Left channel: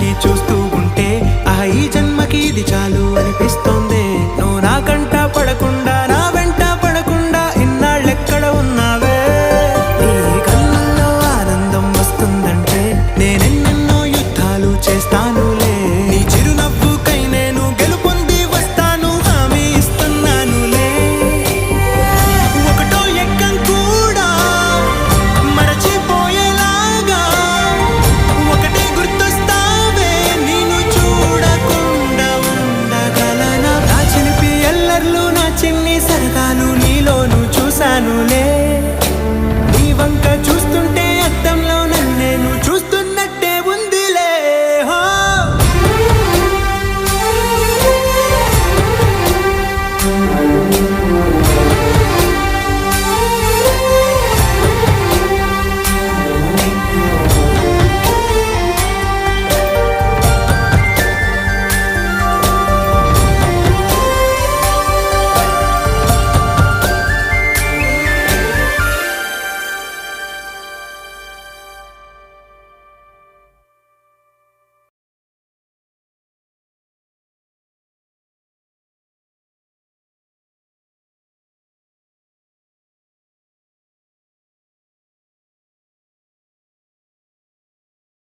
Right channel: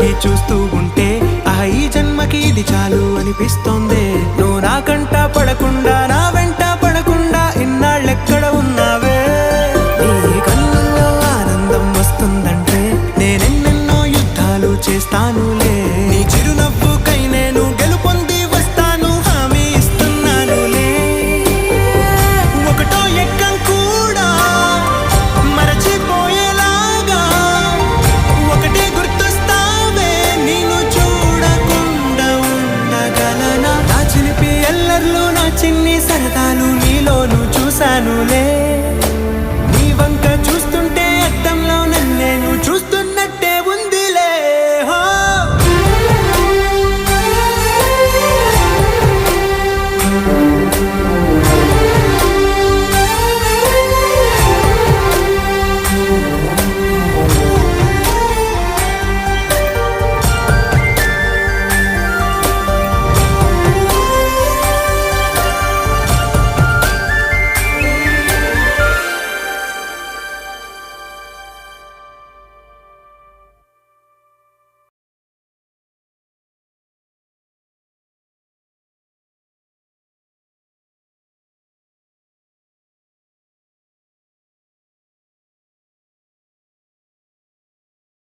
పెట్టి చూస్తూ ఉంటే ఈ జన్మకి ఇది చాలు అనిపిస్తోంది. నువ్వు నా కంట పడకుండా నా వెంట పడకుండా ఇన్నాళ్ళెక్కడ ఉన్నావే? నీ కళ్ళల్లో ఆనందం వస్తుందంటే నేనెన్నెన్నో యుద్ధాలు చేస్తానులే. నీ చిరునవ్వుకై నేను గెలుపొంది వస్తాను, హామీ ఇస్తున్నానులే. ఒకటో ఎక్కం కూడా మరచిపోయేలాగా ఒకటే గుర్తొస్తావే, నేను చూడకుండా ఉండగలనా? నా చిలిపి ఎల్లర్లు నా చిన్ని సరదాలు నీలోను చూశానులే. నీ వంక చూస్తుంటే అద్దంలో నన్నేను చూస్తూ